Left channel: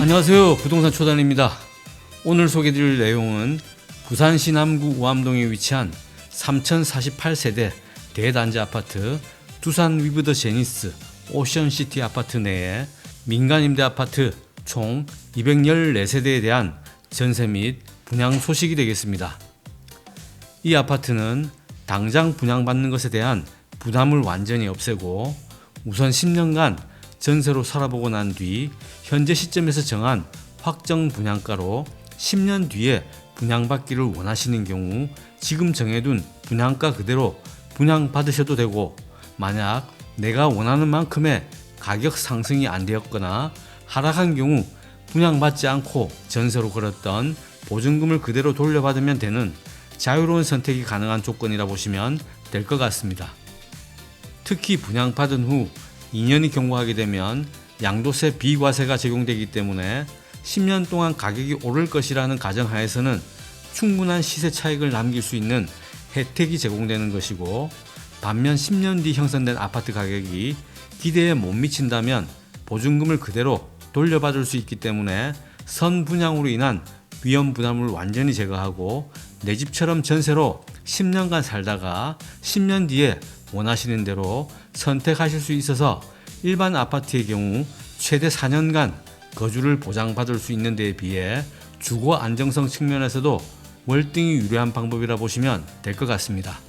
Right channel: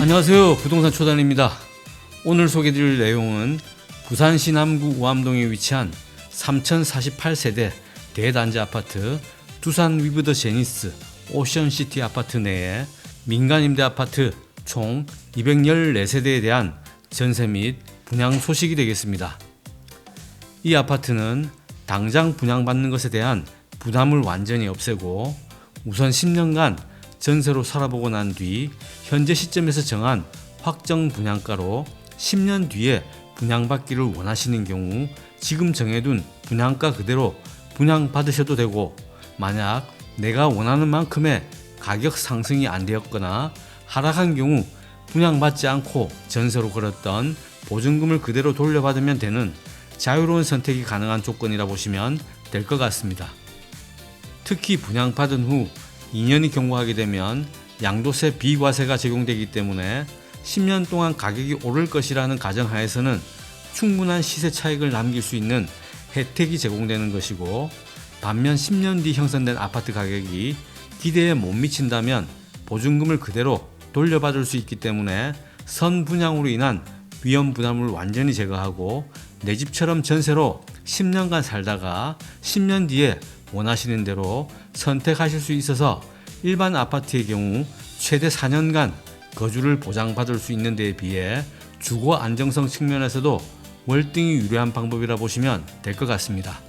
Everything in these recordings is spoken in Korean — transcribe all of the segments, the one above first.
안녕하세요. 부동산 초단입니다. 오늘 소개드릴 내용은 부산시 남구 우암동에 위치한 3048세대 대단지 아파트 두산 위브 더 제니스 오션시티 아파트 내에 민간 임대 아파트 총 214세대에 대한 전세 및 분양 소식이 되겠습니다. 이 아파트는 당장 분양받는 것에 대한 부담을 완전히 없애고 우선 10년간 전세로 살아보고 난 뒤 현재 시점에서 정한 확정 분양가로 10년 뒤에 분양받기를 원하시는 경우 지금 정해둔 분양가 그대로 분양받으셔도 되고, 만약 내가 원하는 만큼의 가격 상승이 안 되었거나 하락한 경우 분양받지 않고 전세로 걸었던 보증금을 그대로 돌려받으면 되는 자유로운 선택이 가능한 조건이라 보시면 될 것 같습니다. 특히 분양받은 후 2년이 경과하게 되면 양도세 비과세가 적용되기 때문에 10년 동안 가격이 오를 것이라는 가정하에서는 충분한 시세 차익을 남길 수 있는 혜택이 제공되는 것이고, 반면 10년 뒤 형성된 아파트 가격이 기대에 못 미친다면 보증금을 그대로 돌려받을 수 있기 때문에 선분양으로 인한 위험 부담을 완전히 제거하고 내 집처럼 전세로 10년간 살다가 10년 뒤에 원하시는 대로 선택하실 수 있어서 일반 아파트의 경우 최대 4년간 거주를 보장받을 수 있는 데에 비해 주거 안정성 측면에서도 월등히 유리한 방법이라 보시면 될 것 같습니다.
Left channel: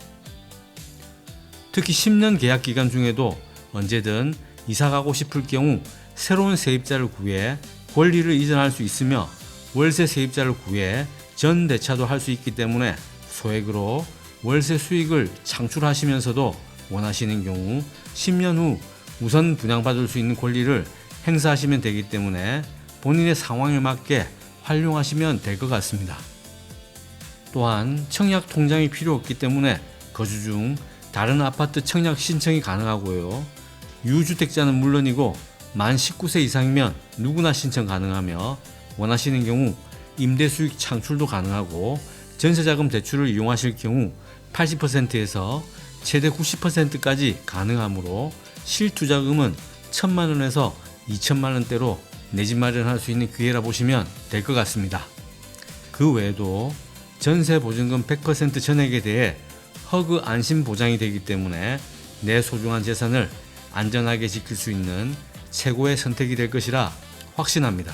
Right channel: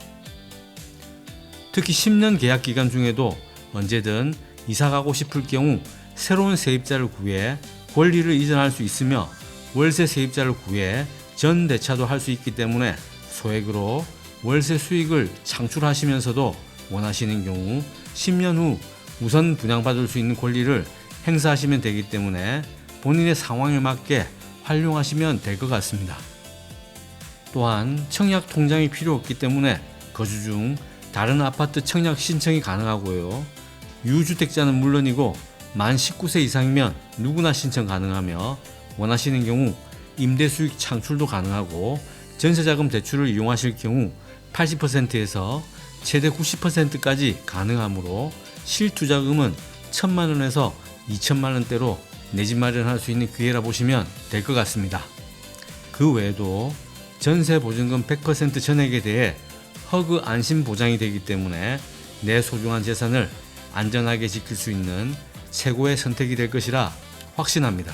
특히 10년 계약 기간 중에도 언제든 이사 가고 싶을 경우 새로운 세입자를 구해 권리를 이전할 수 있으며 월세 세입자를 구해 전 대차도 할 수 있기 때문에 소액으로 월세 수익을 창출하시면서도 원하시는 경우 10년 후 우선 분양받을 수 있는 권리를 행사하시면 되기 때문에 본인의 상황에 맞게 활용하시면 될 것 같습니다. 또한 청약 통장이 필요 없기 때문에 거주 중 다른 아파트 청약 신청이 가능하고요. 유주택자는 물론이고 만 19세 이상이면 누구나 신청 가능하며 원하시는 경우 임대 수익 창출도 가능하고 전세자금 대출을 이용하실 경우 80%에서 최대 90%까지 가능하므로 실투자금은 1,000만 원에서 2천만 원대로 내 집 마련할 수 있는 기회라 보시면 될 것 같습니다. 그 외에도 전세 보증금 100% 전액에 대해 허그 안심 보장이 되기 때문에 내 소중한 재산을 안전하게 지킬 수 있는 최고의 선택이 될 것이라 확신합니다.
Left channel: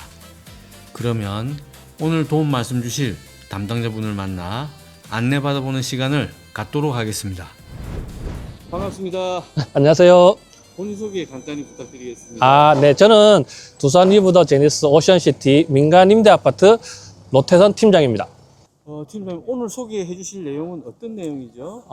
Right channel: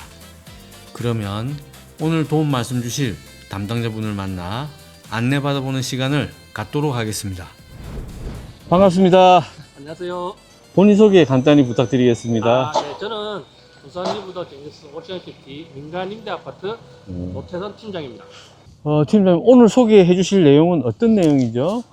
그러면 오늘 도움 말씀 주실 담당자분을 만나 안내받아보는 시간을 갖도록 하겠습니다. 반갑습니다. 안녕하세요. 본인 소개 간단히 부탁드리겠습니다. 네. 저는 두산 위브 더 제니스 오션시티 민간 임대 아파트 로테선 팀장입니다. 팀장님, 오늘 소개해 주실 내용은 어떤 내용이죠?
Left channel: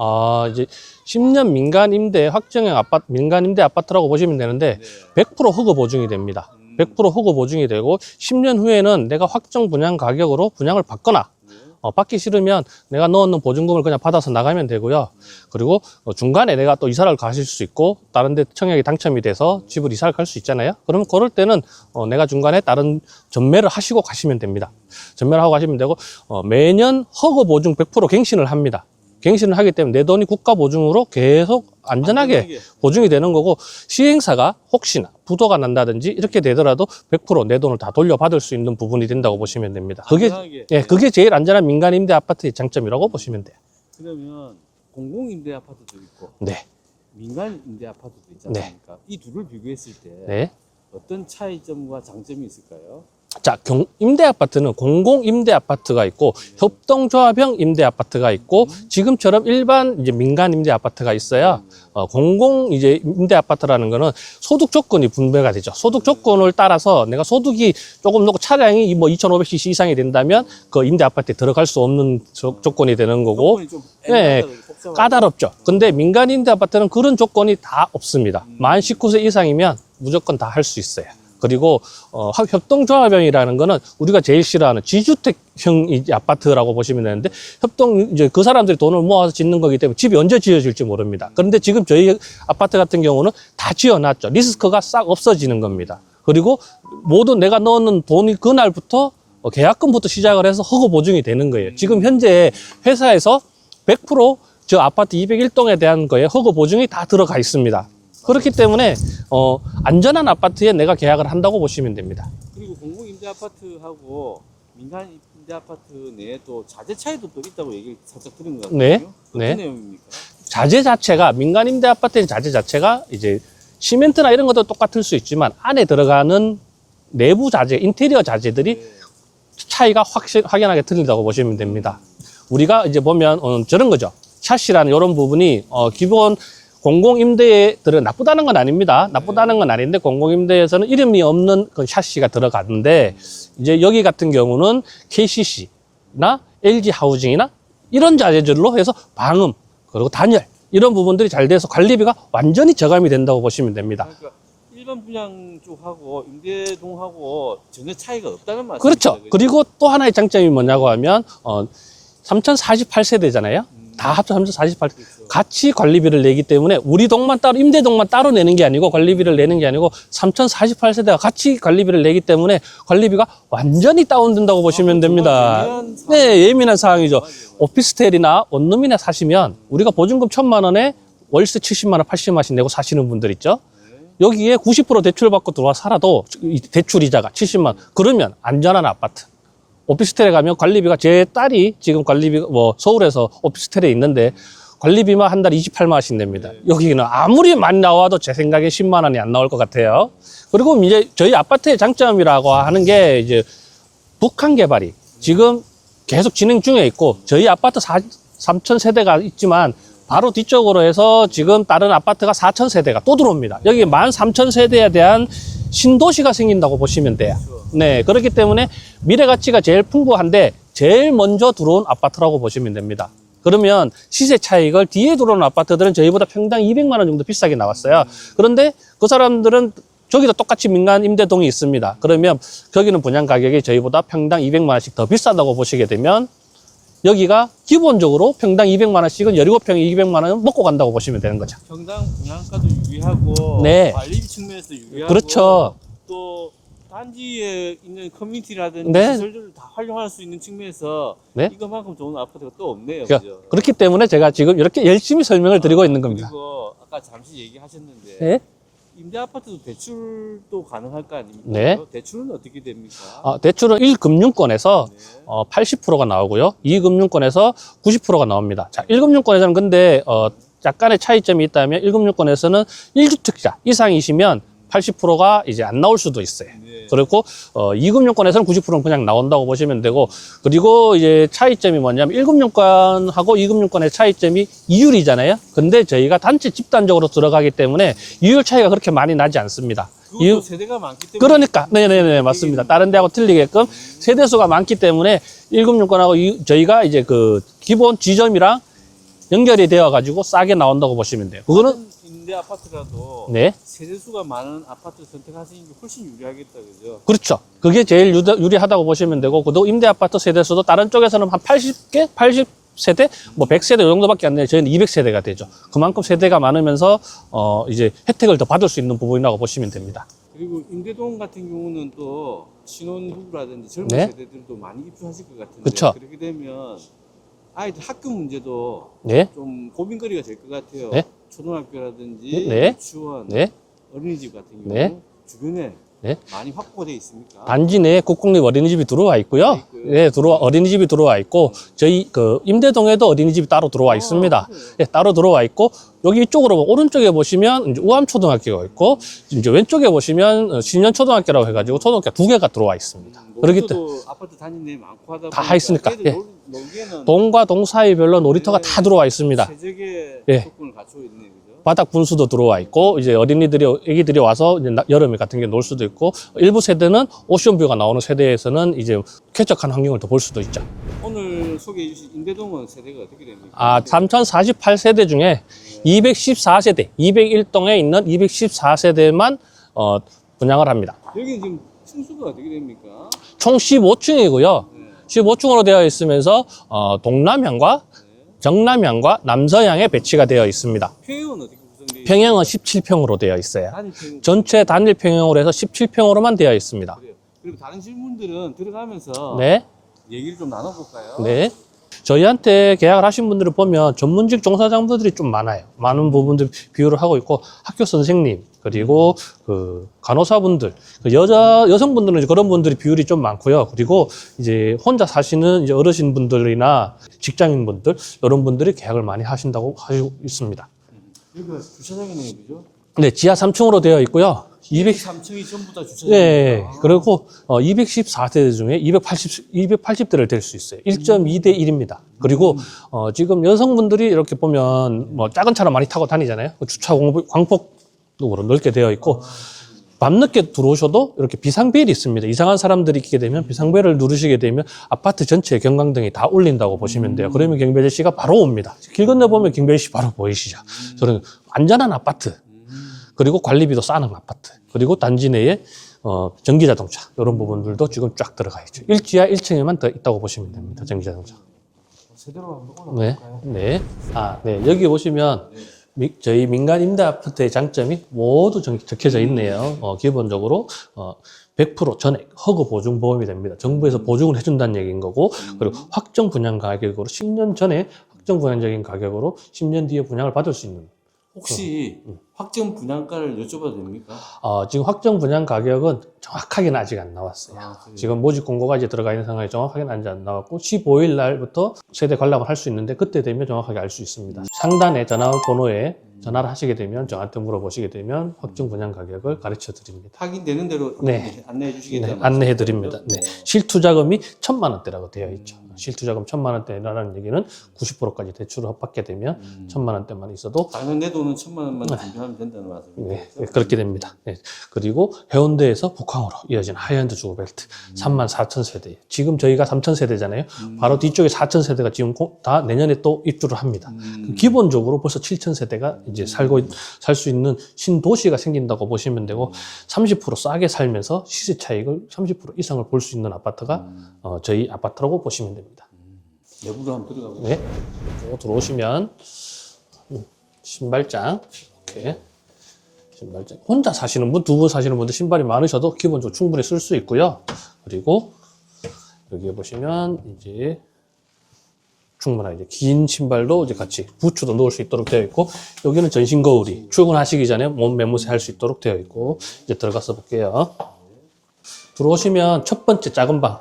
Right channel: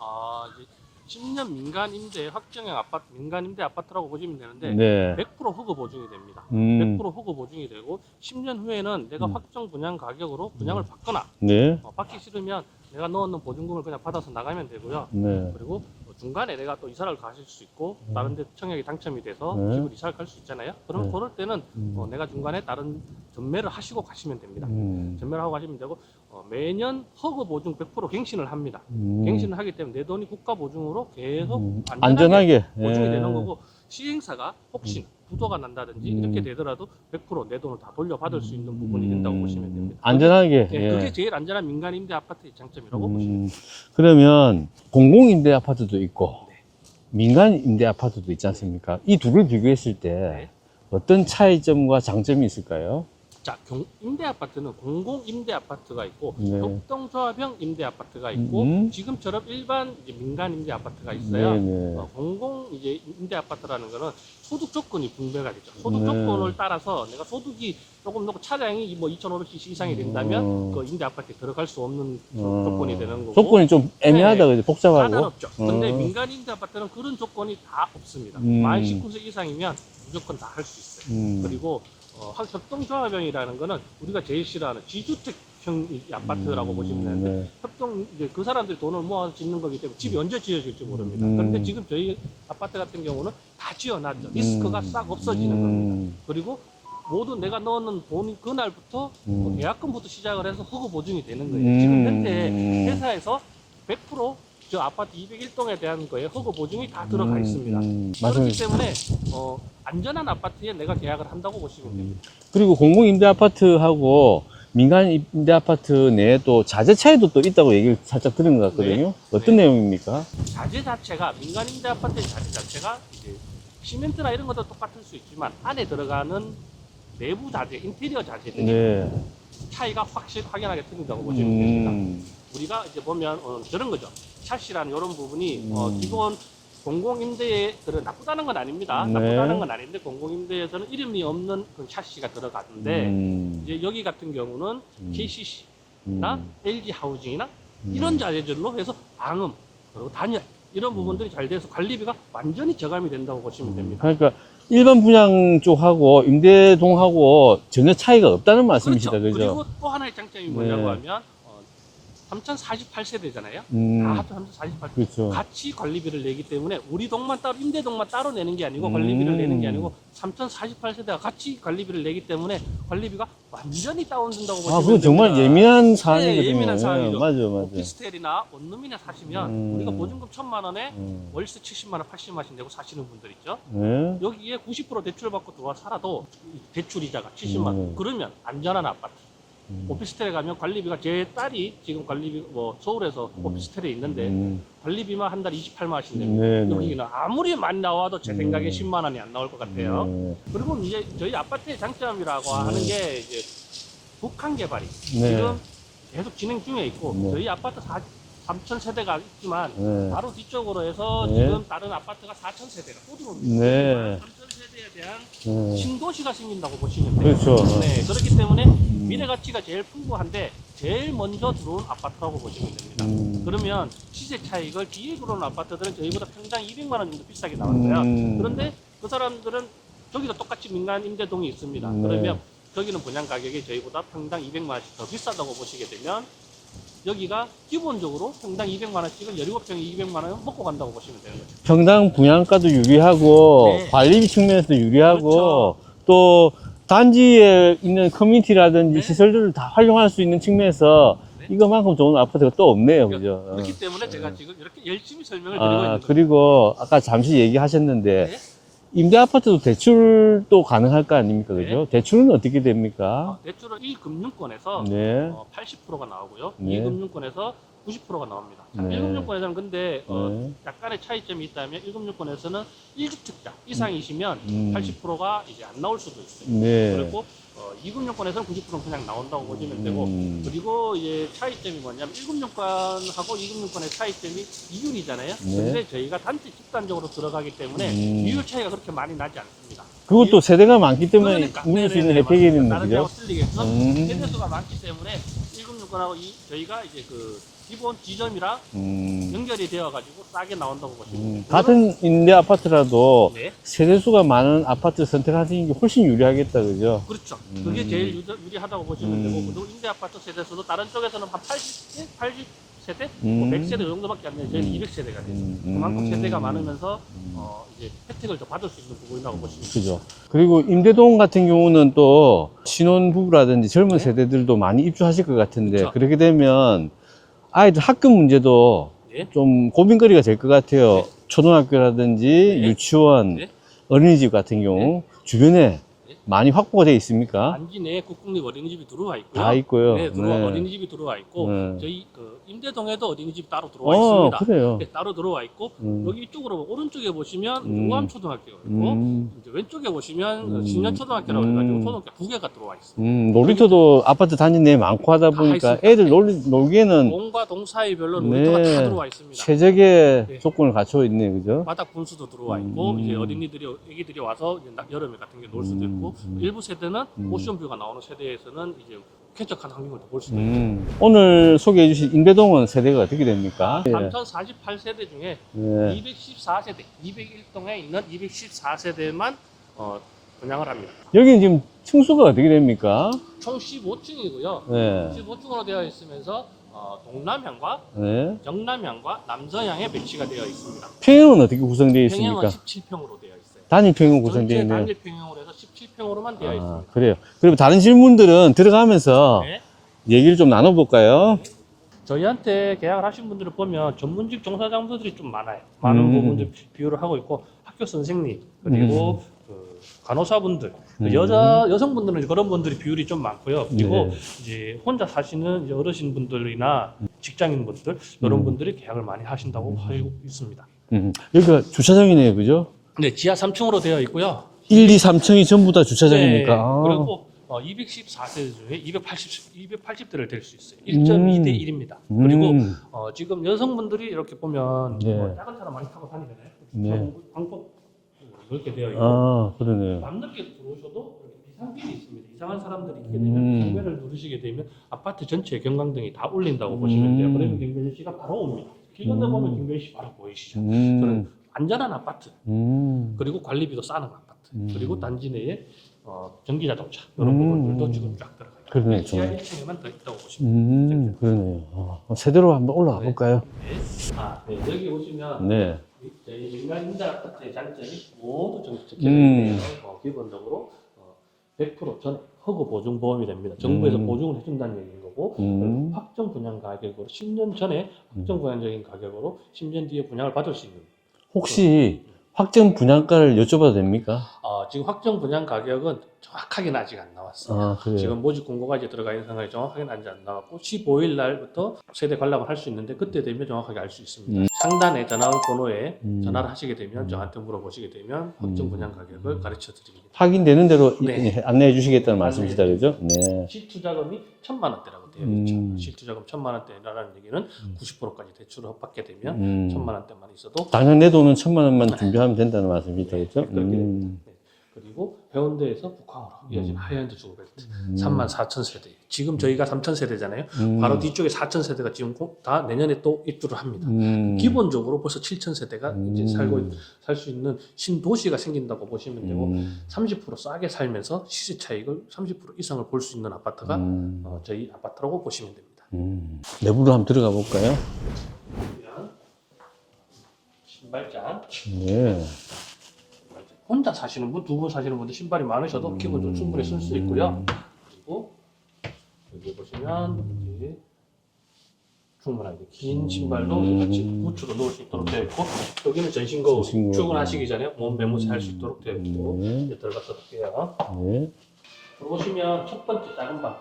이제 10년 민간 임대 확정형 아파트, 민간 임대 아파트라고 보시면 되는데, 네. 100% 허그 보증이 됩니다. 100% 허그 보증이 되고, 10년 후에는 내가 확정 분양 가격으로 분양을 받거나, 네. 받기 싫으면 내가 넣어놓은 보증금을 그냥 받아서 나가면 되고요. 네. 그리고 중간에 내가 또 이사를 가실 수 있고, 다른 데 청약이 당첨이 돼서 집을 이사를 갈 수 있잖아요. 그러면 그럴 때는 내가 중간에 다른 전매를 하시고 가시면 됩니다. 전매를 하고 가시면 되고, 매년 허그 보증 100% 갱신을 합니다. 갱신을 하기 때문에 내 돈이 국가 보증으로 계속 안전하게 보증이 되는 거고, 시행사가 혹시나 부도가 난다든지 이렇게 되더라도 100% 내 돈을 다 돌려받을 수 있는 부분이 된다고 보시면 됩니다. 안전하게. 그게 제일 안전한 민간 임대 아파트의 장점이라고 보시면 돼요. 그러면 공공임대 아파트도 있고 네. 민간 임대 아파트도 있지 않습니까? 이 둘을 비교했을 때 네. 어떤 차이점과 장점이 있을까요? 자, 임대 아파트는 공공 임대 아파트가 있고, 네. 협동조합형 임대 아파트가 있고, 지금처럼 일반 이제 민간 임대 아파트가 있어요. 네. 공공 이제 임대 아파트라는 거는 소득 조건이 분배가 되죠. 소득 조건을 따라서 내가 소득이 조금 높고 차량이 뭐 2,500cc 이상이 된다면 그 임대 아파트에 들어갈 수 없는 조건이 되는 거고. 조건이 좀 애매하다, 네. 복잡하고. 까다롭죠. 근데 민간 임대 아파트는 그런 조건이 다 없습니다. 만 19세 이상이면 무조건 다 할 수 있어요. 그리고 협동조합형이라는 거는 우리가 제일 싫어하는 지주택형 아파트라고 보시면 되는데, 이제 그 사람들이 돈을 모아서 짓는 거기 때문에 집이 언제 지어질지 모릅니다. 그런데 지금 저희 아파트 같은 경우는 다 지어놨죠. 리스크가 싹 없어지는 겁니다. 그리고 모든 내가 넣는 돈이 그날부터 계약금부터 시작을 해서 허그 보증이 되는 거예요. 지금 현재 회사에서 100% 저 아파트 201동에 대한 거에 허가 보증이 다 들어가 있습니다. 그렇기 때문에 안전한 아파트에 내가 계약을 한다고 보시면 됩니다. 그리고 공공임대 아파트하고 민간 임대 아파트 내에 또 자재 차이도 또 있다고 얘기를 살짝 들은 것 같거든요. 네. 어떤 네. 내용입니까? 자재 자체가 민간 임대 아파트의 자재 자체가 이제 시멘트나 이런 것도 똑같을 수 있지만 안에 들어가는 내부 자재, 인테리어 자재들이 네. 차이가 확연하게 틀린다고 보시면 됩니다. 우리가 이제 보면 저런 거죠. 샤시라는 이런 부분이 기본 공공임대들은 나쁘다는 건 아닙니다. 네. 나쁘다는 건 아닌데 공공임대에서는 이름이 없는 그 샤시가 들어가는데 이제 여기 같은 경우는 KCC나 LG 하우징이나 이런 자재들로 해서 방음 그리고 단열 이런 부분들이 잘 돼서 관리비가 완전히 저감이 된다고 보시면 됩니다. 그러니까 일반 분양 쪽하고 임대동하고 전혀 차이가 없다는 말씀이시죠? 그렇죠. 그리고 또 하나의 장점이 뭐냐고 네. 하면 3048세대잖아요. 다 합쳐 3048세대. 그렇죠. 같이 관리비를 내기 때문에 우리 동만 따로 임대동만 따로 내는 게 아니고 관리비를 내는 게 아니고 3048세대가 같이 관리비를 내기 때문에 관리비가 완전히 다운된다고 보시면 됩니다. 정말 예민한 사항. 네, 예민한 사항이죠. 맞아요. 오피스텔이나 원룸이나 사시면 우리가 보증금 1,000만 원에 월세 70만 원, 80만 원씩 내고 사시는 분들 있죠. 네. 여기에 90% 대출 받고 들어와 살아도 이 대출 이자가 70만 원. 그러면 안전한 아파트. 오피스텔에 가면 관리비가 제 딸이 지금 관리비 서울에서 오피스텔에 있는데 관리비만 한 달에 28만 원씩 냅니다. 네. 여기는 아무리 많이 나와도 제 생각에 10만 원이 안 나올 것 같아요. 그리고 이제 저희 아파트의 장점이라고 하는 게 이제 북한 개발이 지금 계속 진행 중에 있고 저희 아파트 3,000세대가 있지만 바로 뒤쪽으로 해서 지금 다른 아파트가 4,000세대가 또 들어옵니다. 네. 여기 13,000세대에 대한 신도시가 생긴다고 보시면 돼요. 그렇죠. 네, 그렇기 때문에 미래 가치가 제일 풍부한데 제일 먼저 들어온 아파트라고 보시면 됩니다. 그러면 시세 차익을 뒤에 들어온 아파트들은 저희보다 평당 200만 원 정도 비싸게 나왔어요. 그런데 그 사람들은 저기도 똑같이 민간 임대동이 있습니다. 그러면 거기는 분양 가격이 저희보다 평당 200만 원씩 더 비싸다고 보시게 되면 여기가 기본적으로 평당 200만 원씩은 17평에 200만 원은 먹고 간다고 보시면 되는 거죠. 평당 분양가도 유리하고 네. 관리비 측면에서도 유리하고 그렇죠. 또 단지에 있는 커뮤니티라든지 네. 시설들을 다 활용할 수 있는 측면에서 네. 이것만큼 좋은 아파트가 또 없네요. 그죠? 그렇기 때문에 제가 지금 이렇게 열심히 설명을 드리고 있는 겁니다. 그리고 아까 잠시 얘기하셨는데 네. 임대 아파트도 대출도 가능할 거 아닙니까? 네. 그죠? 대출은 어떻게 됩니까? 대출은 1금융권에서 네. 80%가 나오고요. 2금융권에서 90%가 나옵니다. 자, 1금융권에서는 근데 약간의 차이점이 있다면 1금융권에서는 1주택자 이상이시면 80%가 이제 안 나올 수도 있어요. 네. 그리고 2금융권에서는 90%는 그냥 나온다고 보시면 되고 그리고 이제 차이점이 뭐냐면 1금융권하고 2금융권의 차이점이 이율이잖아요. 근데 저희가 단체 집단적으로 들어가기 때문에 이율 차이가 그렇게 많이 나지 않습니다. 그것도 세대가 많기 때문에 그러니까 네네네 맞습니다. 다른 데하고 틀리게끔 세대수가 많기 때문에 1금융권하고 저희가 이제 그 기본 지점이랑 연결이 되어 가지고 싸게 나온다고 보시면 돼요. 같은 임대 아파트라도 네. 세대수가 많은 아파트 선택하시는 게 훨씬 유리하겠다, 그죠? 그렇죠. 그게 제일 유리하다고 보시면 되고 그리고 임대 아파트 세대수도 다른 쪽에서는 한 80개, 80세대, 뭐 100세대 이 정도밖에 안 돼요. 저희는 200세대가 되죠. 그만큼 세대가 많으면서 이제 혜택을 더 받을 수 있는 부분이라고 보시면 됩니다. 그리고 임대동 같은 경우는 또 신혼부부라든지 젊은 네. 세대들도 많이 입주하실 것 같은데 그쵸. 그렇게 되면 아이들 학급 문제도 네. 좀 고민거리가 될 것 같아요. 네. 초등학교라든지 네. 유치원, 네. 어린이집 같은 경우 네. 주변에 네. 많이 확보가 되어 있습니까? 단지 내에 국공립 어린이집이 들어와 있고요. 아, 있고요. 네, 네. 어린이집이 들어와 있고 저희 그 임대동에도 어린이집이 따로 들어와 있습니다. 그래요. 네, 따로 들어와 있고 여기 이쪽으로 오른쪽에 보시면 이제 우암초등학교가 있고 이제 왼쪽에 보시면 신년초등학교라고 해가지고 초등학교 2개가 들어와 있습니다. 놀이터도 아파트 단지 내에 많고 하다 다 보니까 있으니까. 애들 네. 놀기에는 동과 동 사이별로 놀이터가 네. 다 들어와 있습니다. 최적의 네. 조건을 갖추고 있네, 그죠? 바닥 분수도 들어와 있고 이제 애기들이 와서 이제 여름에 같은 게 놀 수도 있고 일부 세대는 오션뷰가 나오는 세대에서는 이제 쾌적한 환경을 더 볼 수도 있죠. 오늘 소개해 주신 임대동은 세대가 어떻게 됩니까? 3048세대 중에 네. 214세대, 201동에 있는 214세대만 분양을 합니다. 여기는 지금 층수가 어떻게 됩니까? 총 15층이고요. 네. 15층으로 되어 있으면서 동남향과 네. 정남향과 남서향에 배치가 되어 있습니다. 평형은 어떻게 구성되어 있습니까? 평형은 17평으로 되어 있어요. 단일평형 전체 단일 평형으로 해서 17평으로만 되어 있습니다. 그래요. 그리고 다른 질문들은 들어가면서 네. 얘기를 좀 나눠볼까요? 네. 저희한테 계약을 하신 분들을 보면 전문직 종사자분들이 좀 많아요. 많은 부분들 비율을 하고 있고 학교 선생님 그리고 그 간호사분들, 그 여성분들은 이제 그런 분들이 비율이 좀 많고요. 그리고 이제 혼자 사시는 이제 어르신분들이나 직장인분들 이런 분들이 계약을 많이 하신다고 하고 있습니다. 여기가 주차장이네요, 그죠? 네, 지하 3층으로 되어 있고요. 1, 2, 3층이 전부 다 네, 주차장입니까? 그리고 214세대 중에 280대를 댈 수 있어요. 1.2대 1입니다. 그리고 지금 여성분들이 이렇게 보면 뭐 작은 차를 많이 타고 다니잖아요. 그 주차 광폭도로 넓게 되어 있고 그러네요. 밤늦게 들어오셔도 이렇게 비상벨이 있습니다. 이상한 사람들이 있게 되면 비상벨을 누르시게 되면 아파트 전체에 경광등이 다 울린다고 보시면 돼요. 그러면 경비 아저씨가 바로 옵니다. 길 건너 보면 경비 아저씨 바로 보이시죠. 저는 안전한 아파트, 그리고 관리비도 싸는 아파트, 그리고 단지 내에 전기자동차 이런 부분들도 지금 쫙 들어가 있죠. 1지하 1층에만 더 있다고 보시면 됩니다. 전기자동차. 그러네요. 세대로 한번 올라가 볼까요? 네. 네. 여기 보시면 네. 저희 민간 임대 아파트의 장점이 모두 적혀져 있네요. 기본적으로 100% 전액 허그 보증 보험이 됩니다. 정부에서 보증을 해준다는 얘기인 거고, 그리고 확정 분양 가격으로 10년 전에 확정 분양적인 가격으로 10년 뒤에 분양을 받을 수 있는. 혹시 확정 분양가를 여쭤봐도 됩니까? 지금 확정 분양 가격은 정확하게는 아직 안 나왔어요. 그래요? 지금 모집 공고가 이제 들어가 있는 상황이 정확하게는 아직 안 나왔고 15일 날부터 세대 관람을 할 수 있는데 그때 되면 정확하게 알 수 있습니다. 상단에 전화번호에 전화를 하시게 되면 저한테 물어보시게 되면 확정 분양 가격을 가르쳐 드립니다. 확인되는 대로 네. 안내해 주시겠다는 말씀이죠? 안내해 드립니다. 네. 실투자금이 1,000만 원대라고 되어 있죠. 실투자금 1,000만 원대라는 얘기는 90%까지 대출을 받게 되면 1,000만 원대만 있어도 당장 내 돈은 1,000만 원만 준비하면 된다는 말씀이죠? 그렇죠? 네, 그렇게 됩니다. 네. 그리고 해운대에서 북항으로 이어진 하이엔드 주거벨트 34,000세대. 지금 저희가 3,000세대잖아요. 바로 뒤쪽에 4,000세대가 지금 다 내년에 또 입주를 합니다. 기본적으로 벌써 7,000세대가 이제 살 수 있는 신도시가 생긴다고 보시면 되고 30% 싸게 살면서 시세 차익을 30% 이상을 볼 수 있는 아파트가 저희 아파트라고 보시면 됩니다. 내부로 한번 들어가 볼까요? 들어오시면 신발장. 네. 신발장. 혼자 사시는 분, 두 분 사시는 분들 신발이 많으셔도 기본적으로 충분히 쓸 수 있고요. 그리고 여기에 보시면 이제 충분한 이제 긴 신발도 이제 같이 부츠도 넣을 수 있도록 되어 있고, 여기는 전신 거울이 출근하시기 전에 몸 매무새 할 수 있도록 되어 있고, 이제 들어가서 볼게요. 네. 들어오시면 첫 번째 작은 방.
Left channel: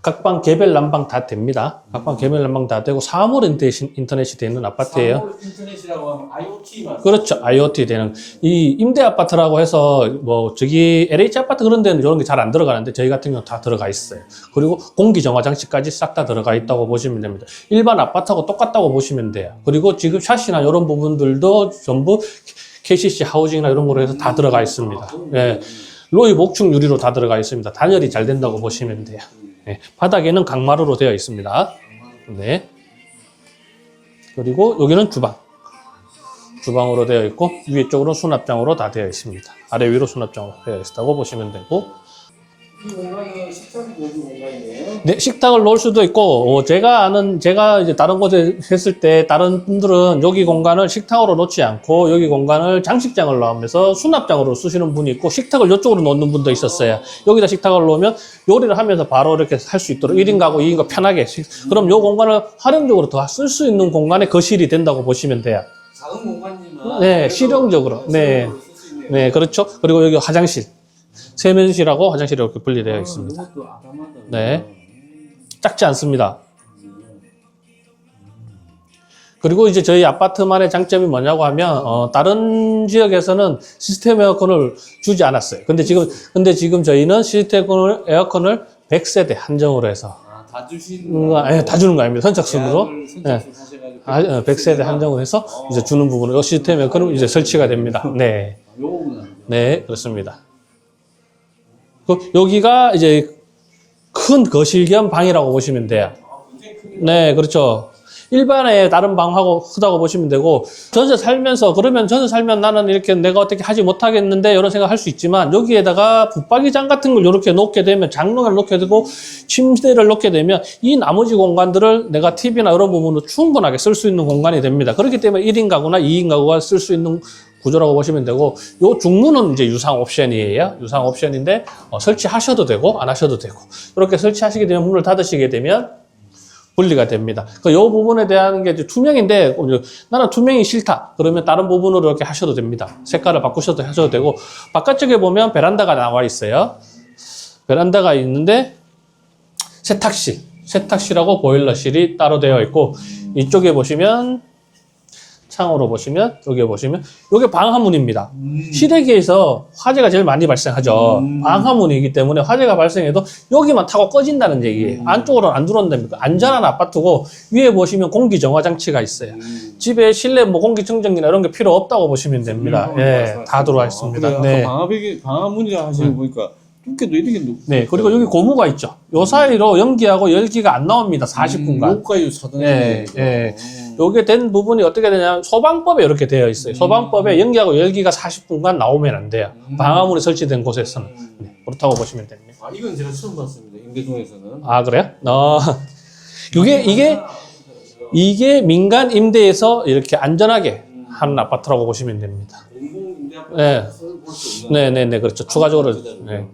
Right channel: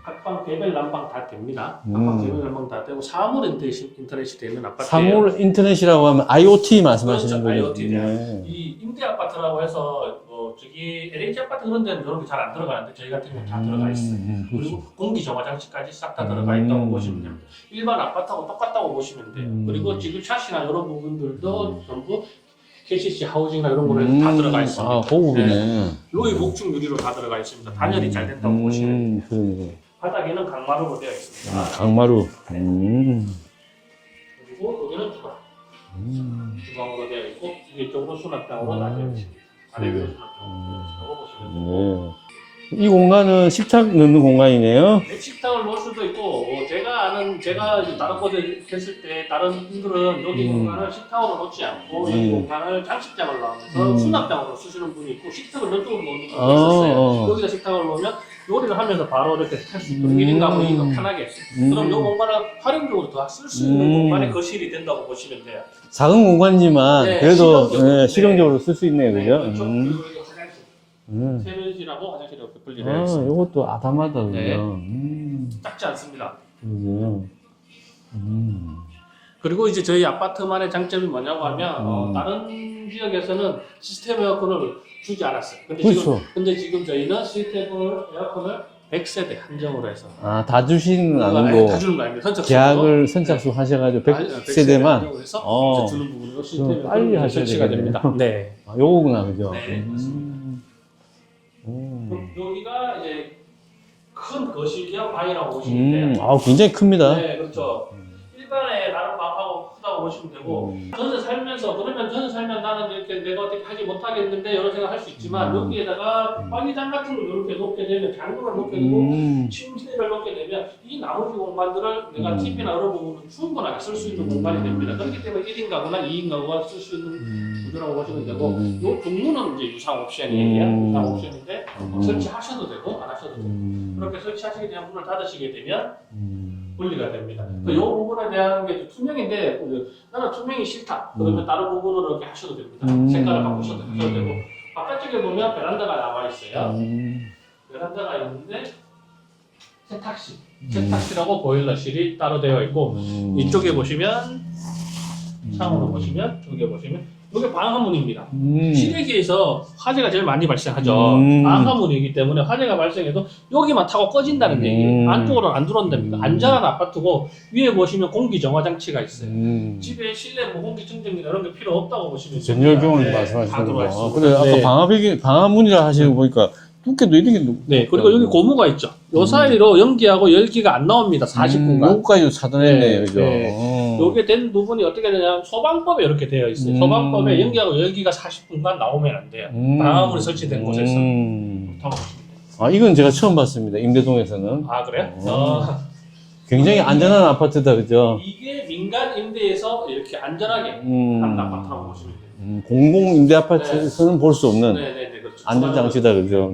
각 방 개별 난방 다 됩니다. 각 방 개별 난방 다 되고 사물 인터넷이 되는 아파트예요. 사물 인터넷이라고 하면 IoT 말씀하시는 그렇죠. 거예요? IoT 되는. 이 임대 아파트라고 해서 뭐 저기 LH 아파트 그런 데는 이런 게 잘 안 들어가는데 저희 같은 경우는 다 들어가 있어요. 그리고 공기 정화 장치까지 싹 다 들어가 있다고 보시면 됩니다. 일반 아파트하고 똑같다고 보시면 돼요. 그리고 지금 샷이나 이런 부분들도 전부 KCC 하우징이나 이런 거로 해서 다 들어가 있습니다. 네. 로이 목축 유리로 다 들어가 있습니다. 단열이 잘 된다고 보시면 돼요. 네. 바닥에는 강마루로 되어 있습니다. 강마루. 네. 그리고 여기는 주방. 주방으로 되어 있고 위에 쪽으로 수납장으로 다 되어 있습니다. 아래 위로 수납장으로 되어 있다고 보시면 되고. 이 공간은 식탁 넣는 공간이네요. 네, 식탁을 놓을 수도 있고, 제가 이제 다른 곳에 했을 때, 다른 분들은 여기 공간을 식탁으로 놓지 않고, 여기 공간을 장식장을 넣으면서 수납장으로 쓰시는 분이 있고, 식탁을 이쪽으로 놓는 분도 있었어요. 여기다 식탁을 놓으면 요리를 하면서 바로 이렇게 할 수 있도록 1인 가구, 2인 가구 편하게. 그럼 요 공간을 활용적으로 더 쓸 수 있는 공간의 거실이 된다고 보시면 돼요. 작은 공간이지만 네, 그래도 실용적으로. 실용적으로 쓸 수 있네요. 네, 그죠? 그렇죠. 그리고 여기 화장실. 세면실하고 화장실이 이렇게 분리되어 있습니다. 이것도 아담하다. 네. 작지 않습니다. 그리고 이제 저희 아파트만의 장점이 뭐냐고 하면, 다른 지역에서는 시스템 에어컨을 주지 않았어요. 근데 지금 저희는 시스템 에어컨을 100세대 한정으로 해서. 다 주시는 거 다 아니고 주는 거 아닙니다. 선착순으로. 계약을 선착순 하셔가지고 100세대 한정을 해서 이제 주는 부분으로 시스템 에어컨은 이제 설치가 됩니다. 네. 요거구나, 그죠? 네, 그렇습니다. 여기가 이제 큰 거실 겸 방이라고 보시면 돼요. 굉장히 큽니다. 네, 그렇죠. 일반의 다른 방하고 크다고 보시면 되고, 전세 살면 나는 이렇게 내가 어떻게 하지 못하겠는데, 이런 생각 할 수 있지만, 여기에다가 붙박이장 같은 걸 이렇게 놓게 되면, 장롱을 놓게 되고, 침대를 놓게 되면, 이 나머지 공간들을 내가 TV나 이런 부분으로 충분하게 쓸 수 있는 공간이 됩니다. 그렇기 때문에 1인 가구나 2인 가구가 쓸 수 있는 구조라고 보시면 되고, 요 중문은 이제 유상 옵션이에요. 유상 옵션인데, 설치하셔도 되고, 안 하셔도 되고, 이렇게 설치하시게 되면, 문을 닫으시게 되면, 분리가 됩니다. 이 부분에 대한 게 이제 투명인데 나는 투명이 싫다. 그러면 다른 부분으로 이렇게 하셔도 됩니다. 색깔을 바꾸셔도 하셔도 되고 바깥쪽에 보면 베란다가 나와 있어요. 베란다가 있는데 세탁실하고 보일러실이 따로 되어 있고 이쪽에 보시면 창으로 보시면 여기 보시면 이게 방화문입니다. 실외기에서 화재가 제일 많이 발생하죠. 방화문이기 때문에 화재가 발생해도 여기만 타고 꺼진다는 얘기예요. 안쪽으로는 안 들어온답니다. 안전한 아파트고 위에 보시면 공기 정화 장치가 있어요. 집에 실내 뭐 공기청정기나 이런 게 필요 없다고 보시면 됩니다. 네, 다 들어와 있습니다. 네. 방화문이라 하시는 거 보니까 두께도 이렇게 네, 그리고 여기 고무가 있죠. 요 사이로 연기하고 열기가 안 나옵니다. 40분간. 여기까지 차단했네요. 네. 요게 된 부분이 어떻게 되냐면 소방법에 이렇게 되어 있어요. 소방법에 연기하고 열기가 40분간 나오면 안 돼요. 방화문이 설치된 곳에서. 그렇다고 보시면 됩니다. 아, 이건 제가 처음 봤습니다. 임대동에서는. 아, 그래요? 굉장히 안전한 아파트다, 그죠? 이게 민간 임대에서 이렇게 안전하게 하는 아파트라고 보시면 됩니다. 공공 임대 아파트에서는 볼 수 없는. 네네네, 그렇죠. 추가적으로. 안전하시다, 그죠?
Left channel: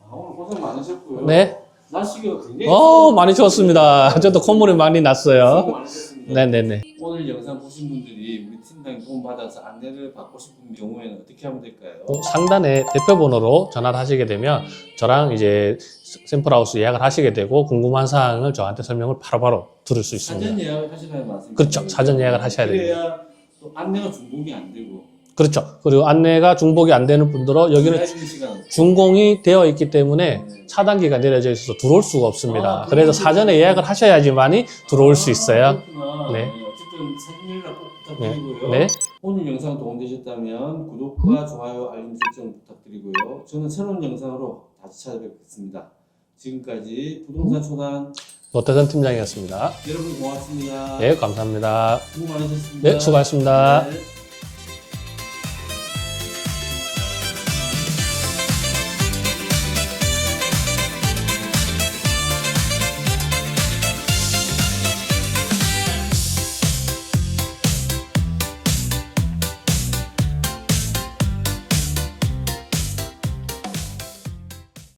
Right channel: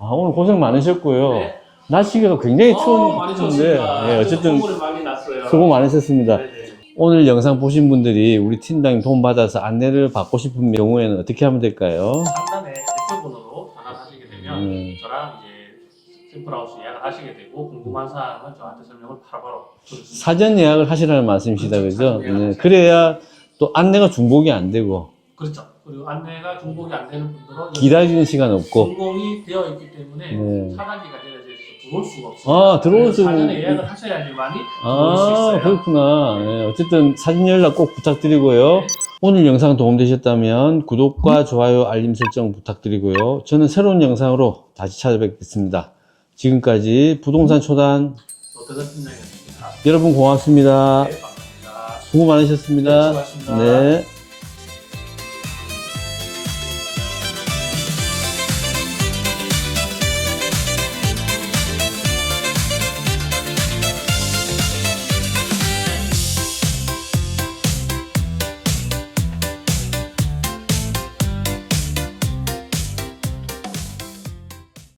아, 오늘 고생 많으셨고요. 네. 날씨가 굉장히 많이 추웠습니다. 네, 저도 어쨌든 콧물이 많이 났어요. 수고 많으셨습니다. 네네네. 오늘 영상 보신 분들이 우리 팀장님 도움 받아서 안내를 받고 싶은 경우에는 어떻게 하면 될까요? 상단에 대표번호로 전화를 하시게 되면 저랑 이제 샘플하우스 예약을 하시게 되고 궁금한 사항을 저한테 설명을 바로바로 들을 수 있습니다. 사전 예약을 하시라는 말씀이시죠? 그렇죠. 사전 예약을 하셔야 그래야 또 안내가 중복이 안 되고 그렇죠. 그리고 안내가 중복이 안 되는 분들은 여기 기다리는 시간 없고 준공이 되어 있기 때문에 네. 차단기가 내려져 있어서 들어올 수가 없습니다. 아, 그래서 사전에 예약을 하셔야지만이 들어올 수 있어요. 그렇구나. 네. 네, 어쨌든 사진 연락 꼭 부탁드리고요. 네. 오늘 영상 도움되셨다면 구독과 좋아요, 알림 설정 부탁드리고요. 저는 새로운 영상으로 다시 찾아뵙겠습니다. 지금까지 부동산 초단 노태선 팀장이었습니다. 여러분 고맙습니다. 네, 감사합니다. 수고 많으셨습니다. 네, 수고하셨습니다. 네.